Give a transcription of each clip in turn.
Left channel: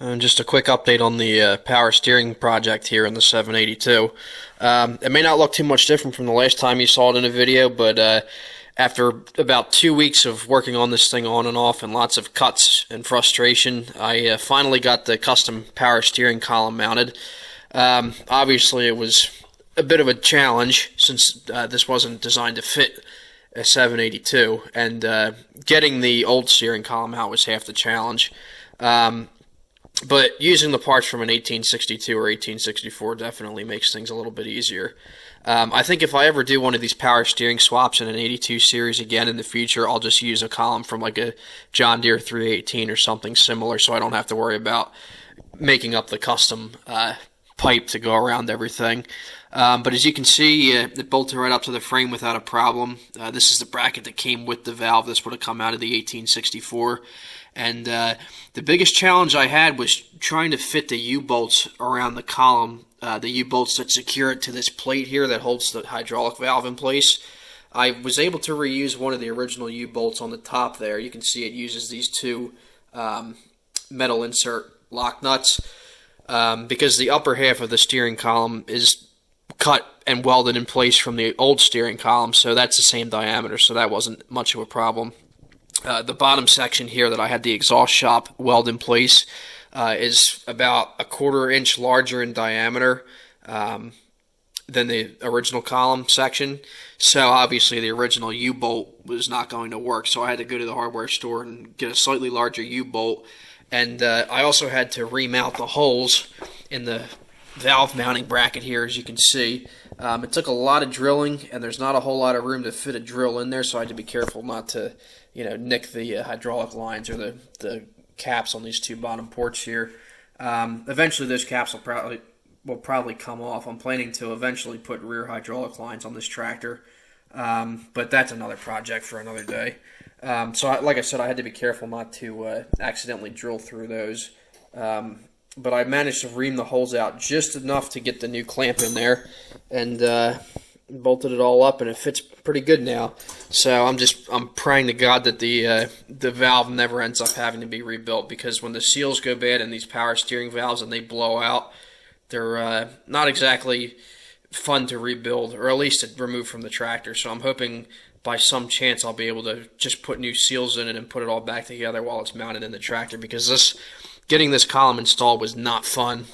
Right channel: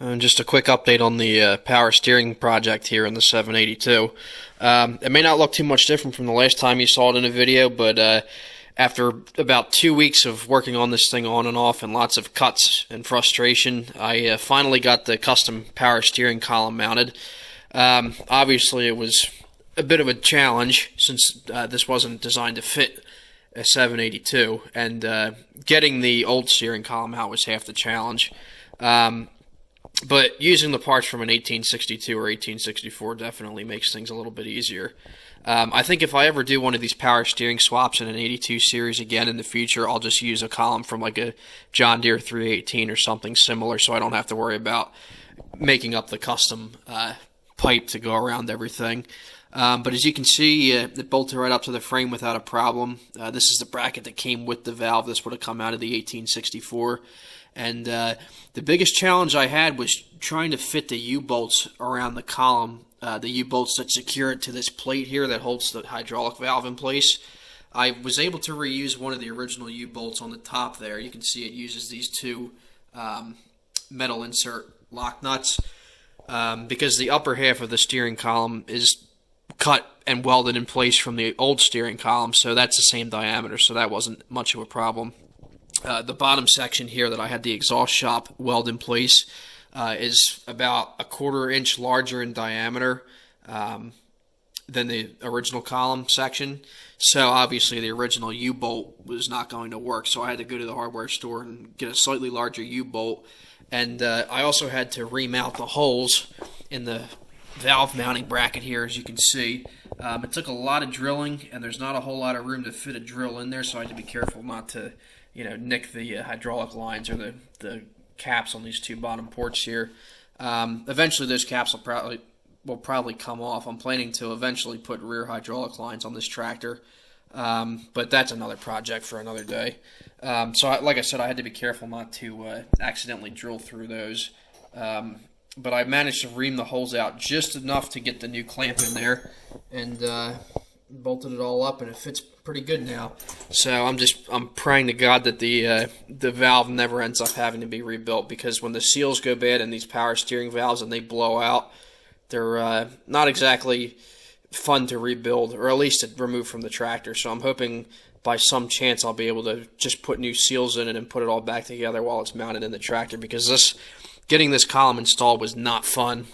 Just a quick update on the power steering project here in the 782. It may not look too much different from the last time you saw it in a video, but after about 2 weeks of working on this thing on and off and lots of cuts and frustration, I finally got the custom power steering column mounted. Obviously, it was a bit of a challenge since this wasn't designed to fit a 782, and getting the old steering column out was half the challenge. But using the parts from an 1862 or 1864 definitely makes things a little bit easier. I think if I ever do one of these power steering swaps in an 82 series again in the future, I'll just use a column from like a John Deere 318 or something similar, so I don't have to worry about making up the custom pipe to go around everything. But as you can see, it bolted right up to the frame without a problem. This is the bracket that came with the valve. This would have come out of the 1864. And the biggest challenge I had was trying to fit the U-bolts around the column, the U-bolts that secure it to this plate here that holds the hydraulic valve in place. I was able to reuse one of the original U-bolts on the top there. You can see it uses these two metal insert lock nuts because the upper half of the steering column is cut and welded in place from the old steering column, so that's the same diameter, so that wasn't much of a problem. The bottom section here that I had the exhaust shop weld in place is about a 1/4 inch larger in diameter than the original column section. So obviously the original U-bolt was not going to work, so I had to go to the hardware store and get a slightly larger U-bolt. And I also had to remount the holes in the valve mounting bracket here, as you can see. It took a lot of drilling, and there's not a whole lot of room to fit a drill in there, so I had to be careful not to nick the hydraulic lines or the caps on these two bottom ports here. Eventually those caps will probably come off. I'm planning to eventually put rear hydraulic lines on this tractor, but that's another project for another day. Like I said, I had to be careful not to accidentally drill through those. But I managed to ream the holes out just enough to get the new clamp in there, and bolted it all up, and it fits pretty good now. So I'm praying to God that the valve never ends up having to be rebuilt, because when the seals go bad in these power steering valves and they blow out, they're not exactly fun to rebuild, or at least to remove from the tractor. So I'm hoping by some chance I'll be able to just put new seals in it and put it all back together while it's mounted in the tractor, because getting this column installed was not fun.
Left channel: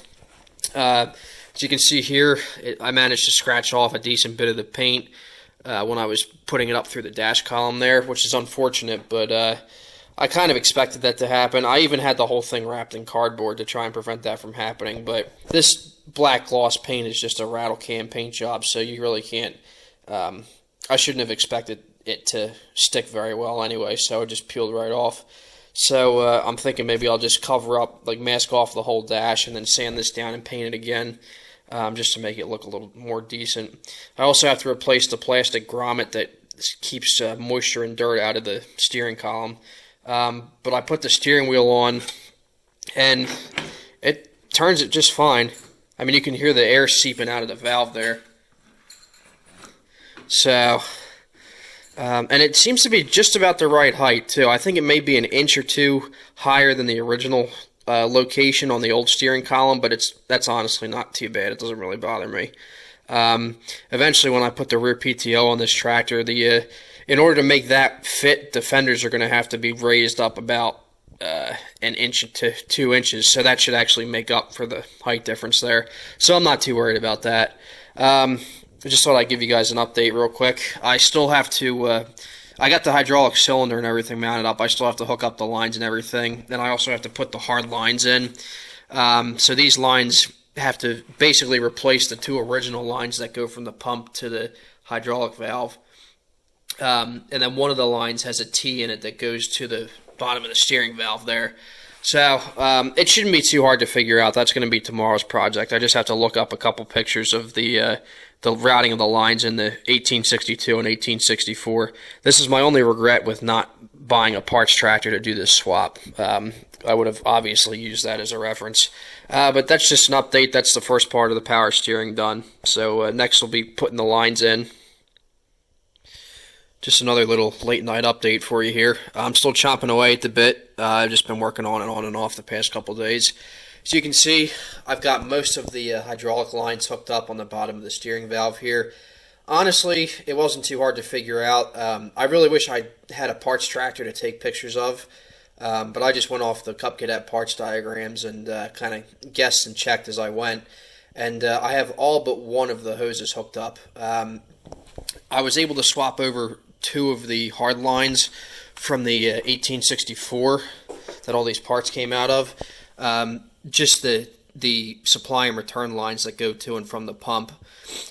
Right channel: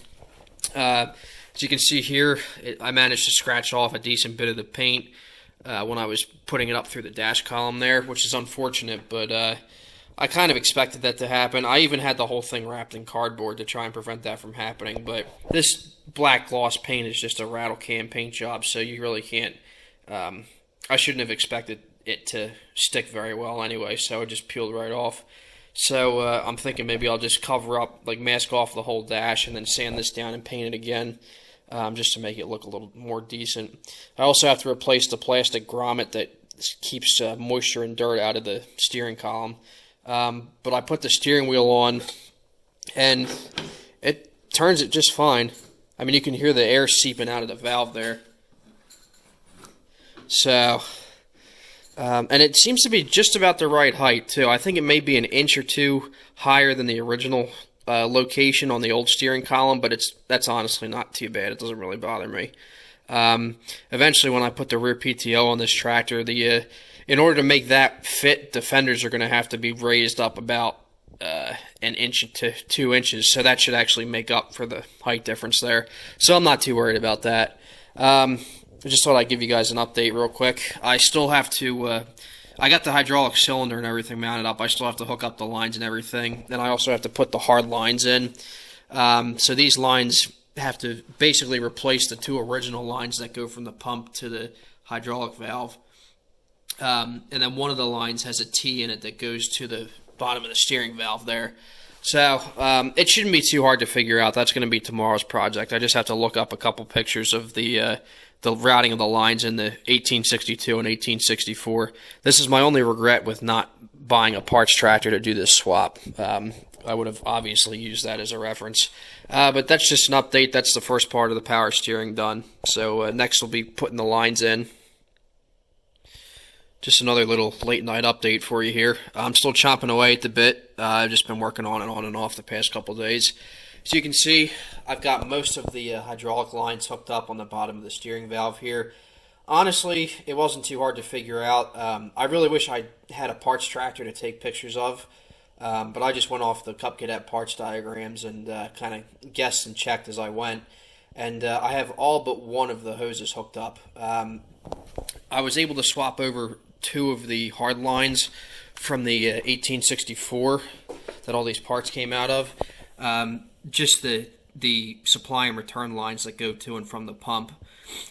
As you can see here, I managed to scratch off a decent bit of the paint when I was putting it up through the dash column there, which is unfortunate, but I kind of expected that to happen. I even had the whole thing wrapped in cardboard to try and prevent that from happening, but this black gloss paint is just a rattle can paint job, so you really can't, I shouldn't have expected it to stick very well anyway, so it just peeled right off. So I'm thinking maybe I'll just cover up, like mask off the whole dash and then sand this down and paint it again, just to make it look a little more decent. I also have to replace the plastic grommet that keeps moisture and dirt out of the steering column. But I put the steering wheel on, and it turns it just fine. I mean, you can hear the air seeping out of the valve there. So... and it seems to be just about the right height, too. I think it may be an inch or two higher than the original location on the old steering column, but that's honestly not too bad. It doesn't really bother me. Eventually, when I put the rear PTO on this tractor, in order to make that fit, the fenders are going to have to be raised up about an inch to 2 inches, so that should actually make up for the height difference there. So I'm not too worried about that. I just thought I'd give you guys an update real quick. I still have to, I got the hydraulic cylinder and everything mounted up. I still have to hook up the lines and everything. Then I also have to put the hard lines in. So these lines have to basically replace the two original lines that go from the pump to the hydraulic valve. And then one of the lines has a T in it that goes to the bottom of the steering valve there. So it shouldn't be too hard to figure out. That's going to be tomorrow's project. I just have to look up a couple pictures of the routing of the lines in the 1862 and 1864. This is my only regret with not buying a parts tractor to do this swap. I would have obviously used that as a reference. But that's just an update. That's the first part of the power steering done. So next we'll be putting the lines in. Just another little late night update for you here. I'm still chomping away at the bit. I've just been working on and off the past couple days. As you can see, I've got most of the hydraulic lines hooked up on the bottom of the steering valve here. Honestly, it wasn't too hard to figure out. I really wish I had a parts tractor to take pictures of, but I just went off the Cub Cadet parts diagrams and kind of guessed and checked as I went. And I have all but one of the hoses hooked up. I was able to swap over two of the hard lines from the 1864 that all these parts came out of. Just the supply and return lines that go to and from the pump.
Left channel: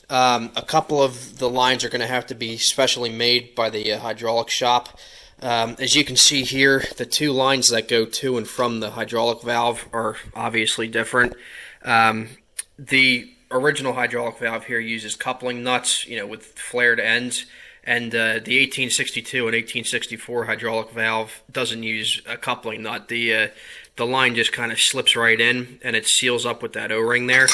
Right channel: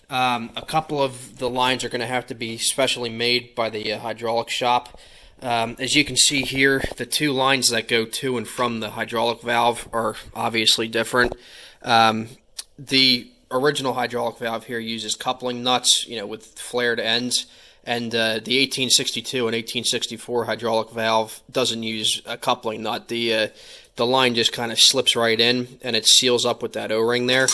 A couple of the lines are going to have to be specially made by the hydraulic shop. As you can see here, the two lines that go to and from the hydraulic valve are obviously different. The original hydraulic valve here uses coupling nuts, with flared ends, and the 1862 and 1864 hydraulic valve doesn't use a coupling nut. The line just kind of slips right in, and it seals up with that O-ring there.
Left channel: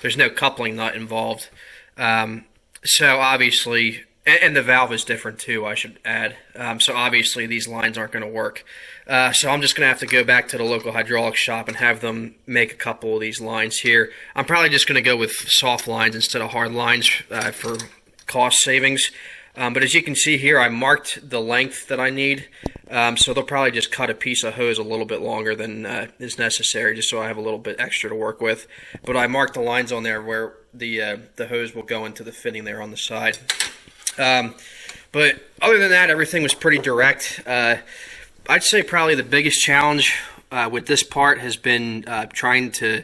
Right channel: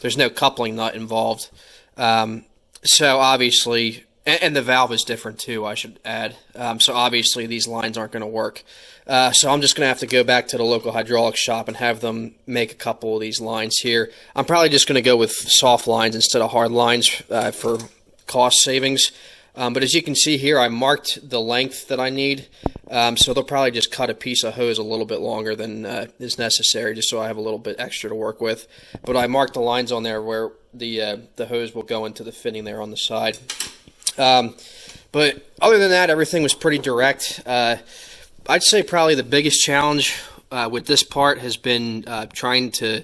There's no coupling nut involved. So obviously, and the valve is different too, I should add. So obviously these lines aren't going to work. So I'm just going to have to go back to the local hydraulic shop and have them make a couple of these lines here. I'm probably just going to go with soft lines instead of hard lines for cost savings. But as you can see here, I marked the length that I need. So they'll probably just cut a piece of hose a little bit longer than is necessary, just so I have a little bit extra to work with. But I marked the lines on there where the hose will go into the fitting there on the side. But other than that, everything was pretty direct. I'd say probably the biggest challenge with this part has been trying to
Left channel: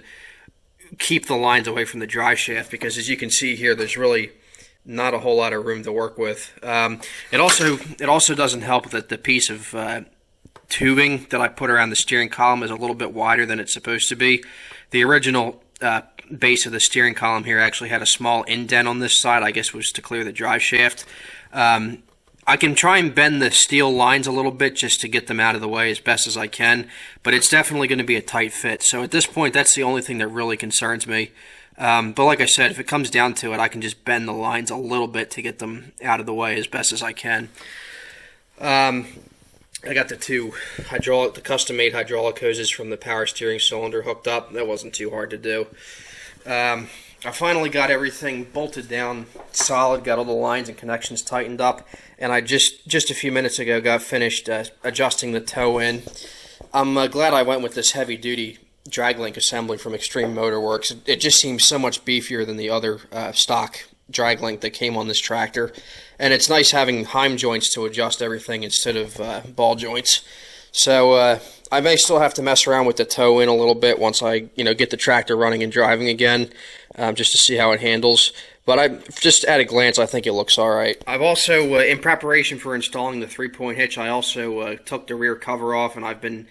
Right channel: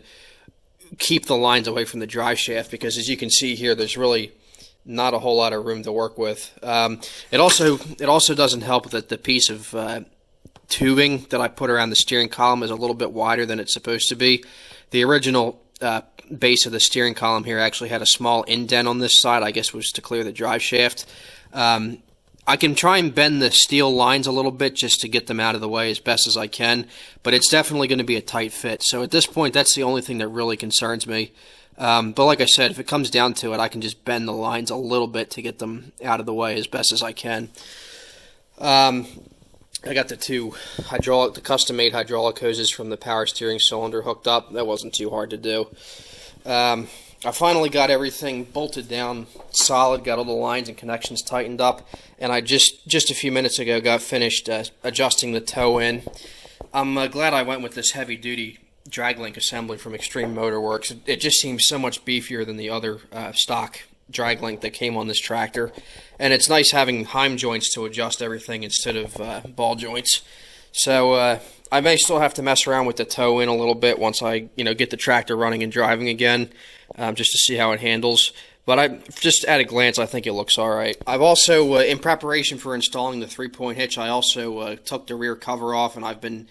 keep the lines away from the drive shaft, because as you can see here, there's really not a whole lot of room to work with. It also doesn't help that the piece of tubing that I put around the steering column is a little bit wider than it's supposed to be. The original base of the steering column here actually had a small indent on this side, I guess was to clear the drive shaft. I can try and bend the steel lines a little bit just to get them out of the way as best as I can, but it's definitely going to be a tight fit. So at this point, that's the only thing that really concerns me. But like I said, if it comes down to it, I can just bend the lines a little bit to get them out of the way as best as I can. I got the custom-made hydraulic hoses from the power steering cylinder hooked up. That wasn't too hard to do. I finally got everything bolted down solid, got all the lines and connections tightened up, and I just a few minutes ago got finished adjusting the toe in. I'm glad I went with this heavy-duty drag link assembly from Extreme Motorworks. It just seems so much beefier than the other stock drag link that came on this tractor, and it's nice having Heim joints to adjust everything instead of ball joints. So I may still have to mess around with the toe in a little bit once I get the tractor running and driving again, just to see how it handles. But just at a glance, I think it looks all right. I've also, in preparation for installing the 3-point hitch, I also took the rear cover off, and I've been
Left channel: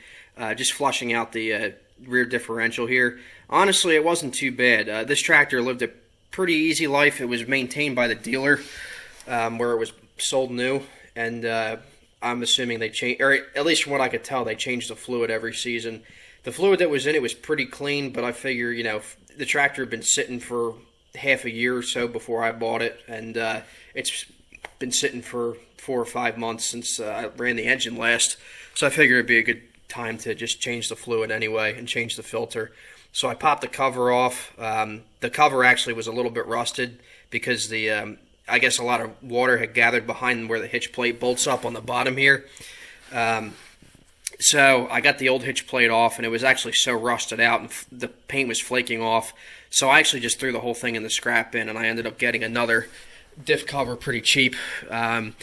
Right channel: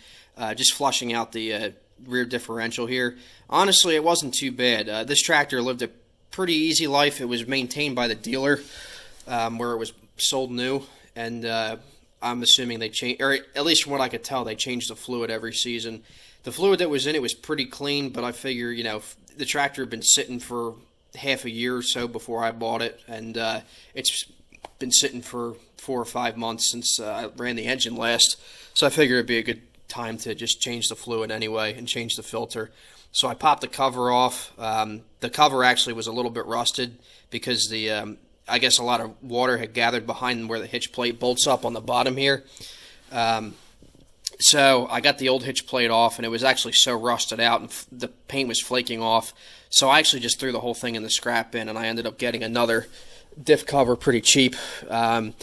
just flushing out the rear differential here. Honestly, it wasn't too bad. This tractor lived a pretty easy life. It was maintained by the dealer where it was sold new, and I'm assuming they changed, or at least from what I could tell, they changed the fluid every season. The fluid that was in it was pretty clean, but I figure, the tractor had been sitting for half a year or so before I bought it, and it's been sitting for 4 or 5 months since I ran the engine last, so I figured it'd be a good time to just change the fluid anyway and change the filter. So I popped the cover off. The cover actually was a little bit rusted because I guess a lot of water had gathered behind where the hitch plate bolts up on the bottom here. So I got the old hitch plate off, and it was actually so rusted out and the paint was flaking off. So I actually just threw the whole thing in the scrap bin, and I ended up getting another diff cover pretty cheap. It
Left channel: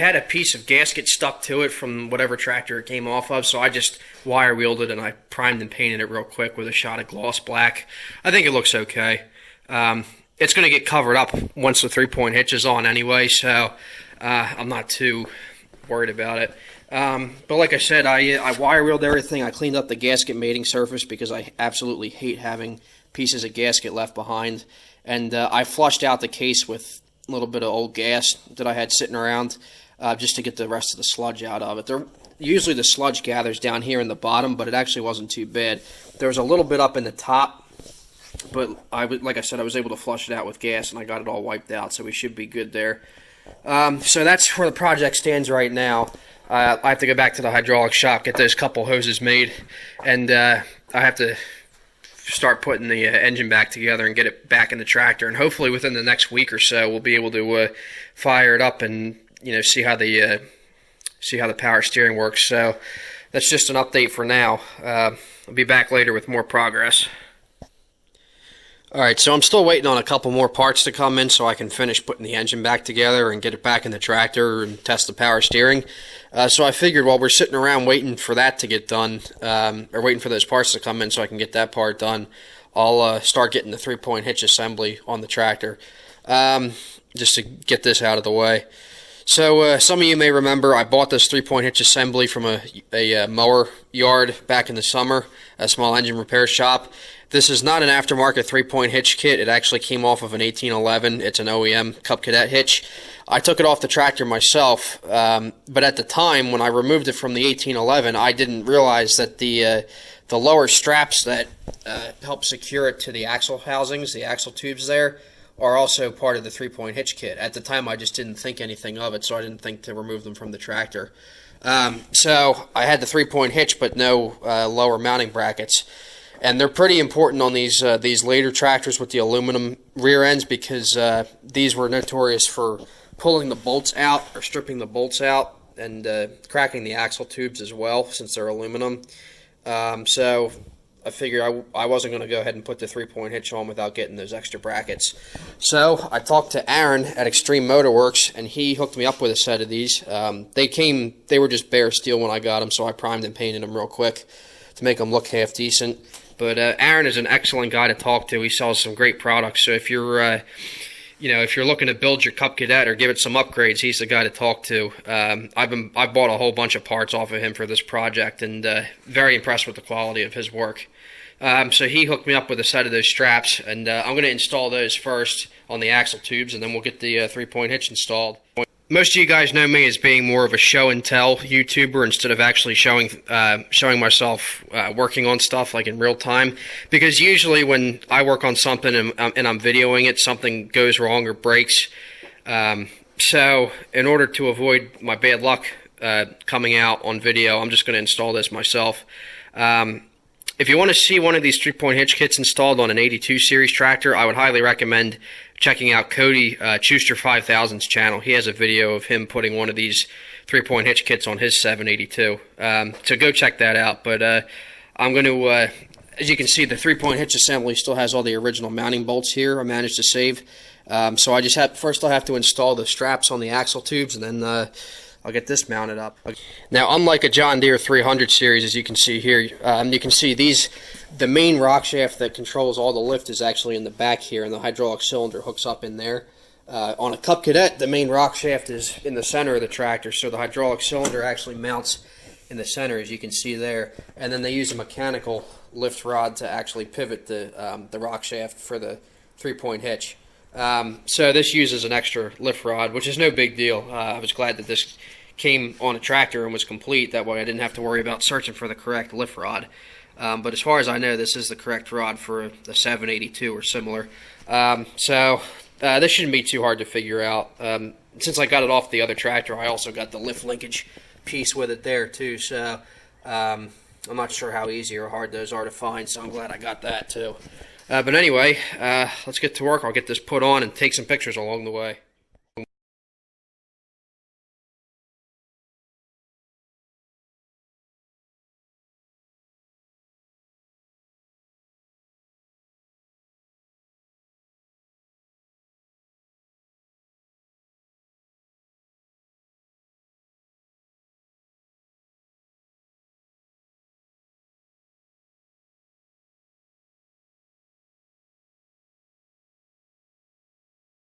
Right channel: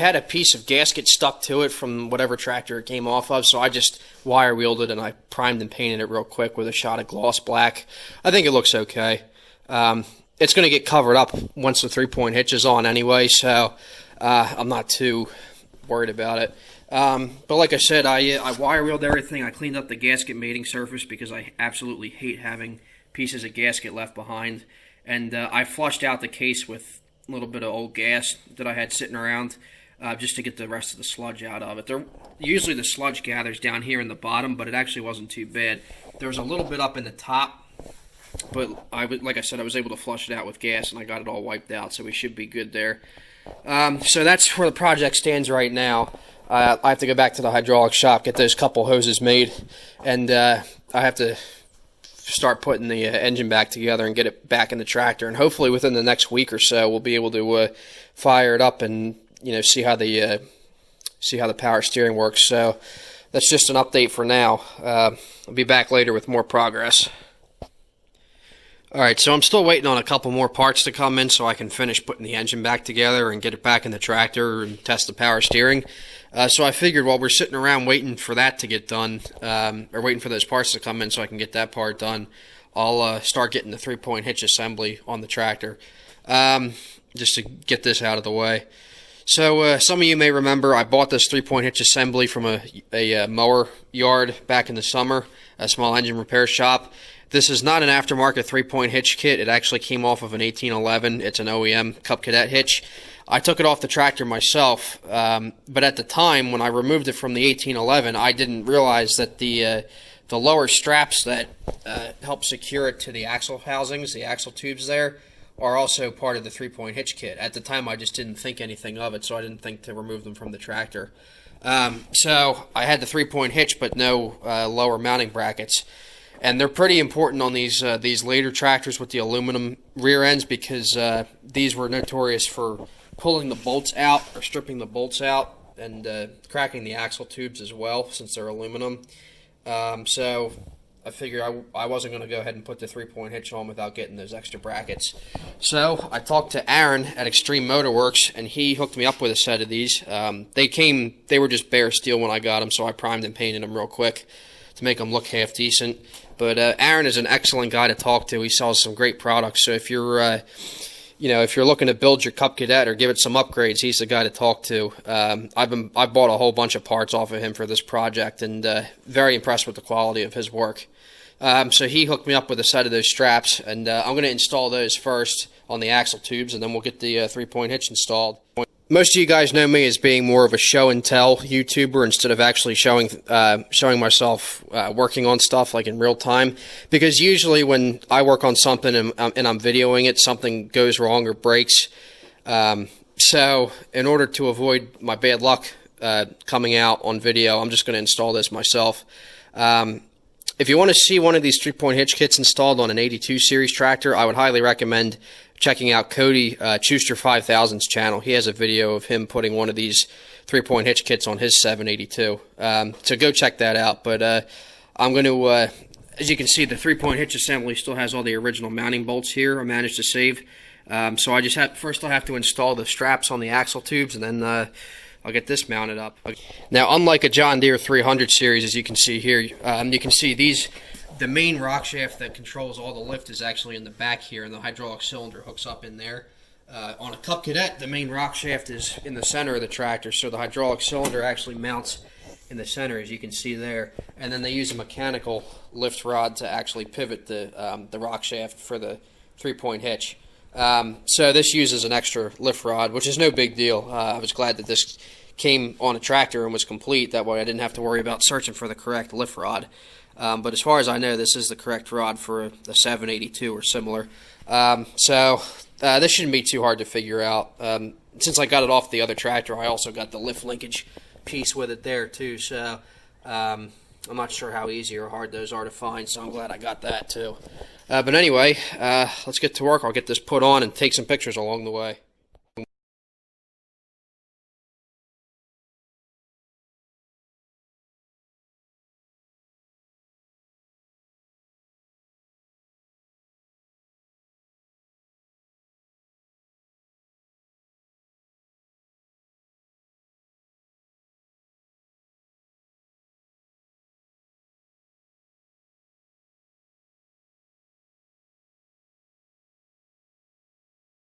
had a piece of gasket stuck to it from whatever tractor it came off of, so I just wire wheeled it and I primed and painted it real quick with a shot of gloss black. I think it looks okay. It's going to get covered up once the 3-point hitch is on anyway, so I'm not too worried about it. But like I said, I wire wheeled everything. I cleaned up the gasket mating surface because I absolutely hate having pieces of gasket left behind. And I flushed out the case with a little bit of old gas that I had sitting around just to get the rest of the sludge out of it. Usually the sludge gathers down here in the bottom, but it actually wasn't too bad. There was a little bit up in the top, but like I said, I was able to flush it out with gas, and I got it all wiped out, so we should be good there. So that's where the project stands right now. I have to go back to the hydraulic shop, get those couple hoses made, and I have to start putting the engine back together and get it back in the tractor. And hopefully within the next week or so, we'll be able to fire it up and see how the power steering works. So that's just an update for now. I'll be back later with more progress. Alright, so I'm still waiting on a couple more parts to come in so I can finish putting the engine back together and get it back in the tractor and test the power steering. So I figured while we're sitting around waiting for that to get done, or waiting for those parts to come in so I can get that part done, I'll start getting the 3-point hitch assembly on the tractor, just to get this out of the way. So some of you may remember I bought this 3-point hitch assembly from a mower yard back in the summer, a small engine repair shop. This is not an aftermarket 3-point hitch kit. It actually came off of an 1811. It's an OEM Cub Cadet hitch. I took it off the tractor myself, but at the time when I removed it from the 1811, I didn't realize that the lower straps that help secure it to the axle housings, the axle tubes there, are also part of the 3-point hitch kit. At the time, I just didn't think anything of it, so I didn't think to remove them from the tractor. So I had the 3-point hitch, but no lower mounting brackets. And they're pretty important on these later tractors with the aluminum rear ends, because these were notorious for pulling the bolts out or stripping the bolts out and cracking the axle tubes as well, since they're aluminum. So I figured I wasn't going to go ahead and put the 3-point hitch on without getting those extra brackets. So I talked to Aaron at Extreme Motorworks, and he hooked me up with a set of these. They were just bare steel when I got them, so I primed and painted them real quick to make them look half decent. But Aaron is an excellent guy to talk to. He sells some great products. So if you're looking to build your Cub Cadet or give it some upgrades, he's the guy to talk to. I bought a whole bunch of parts off of him for this project, and very impressed with the quality of his work. So he hooked me up with a set of those straps, and I'm going to install those first on the axle tubes, and then we'll get the 3-point hitch installed. Most of you guys know me as being more of a show and tell YouTuber instead of actually showing myself working on stuff like in real time, because usually when I work on something and I'm videoing it, something goes wrong or breaks. So in order to avoid my bad luck coming out on video, I'm just going to install this myself. If you want to see one of these 3-point hitch kits installed on an 82 series tractor, I would highly recommend checking out Cody Schuster 5000's channel. He has a video of him putting one of these 3-point hitch kits on his 782. So go check that out. But I'm going to, as you can see, the 3-point hitch assembly still has all the original mounting bolts here I managed to save. So I just first I'll have to install the straps on the axle tubes, and then I'll get this mounted up. Now, unlike a John Deere 300 series, as you can see here, you can see the main rock shaft that controls all the lift is actually in the back here, and the hydraulic cylinder hooks up in there. On a Cub Cadet, the main rock shaft is in the center of the tractor, so the hydraulic cylinder actually mounts in the center, as you can see there. And then they use a mechanical lift rod to actually pivot the rock shaft for the 3-point hitch. So this uses an extra lift rod, which is no big deal. I was glad that this came on a tractor and was complete. That way I didn't have to worry about searching for the correct lift rod. But as far as I know, this is the correct rod for the 782 or similar. So this shouldn't be too hard to figure out. Since I got it off the other tractor, I also got the lift linkage piece with it there too. So I'm not sure how easy or hard those are to find, so I'm glad I got that too. But anyway, let's get to work. I'll get this put on and take some pictures along the way.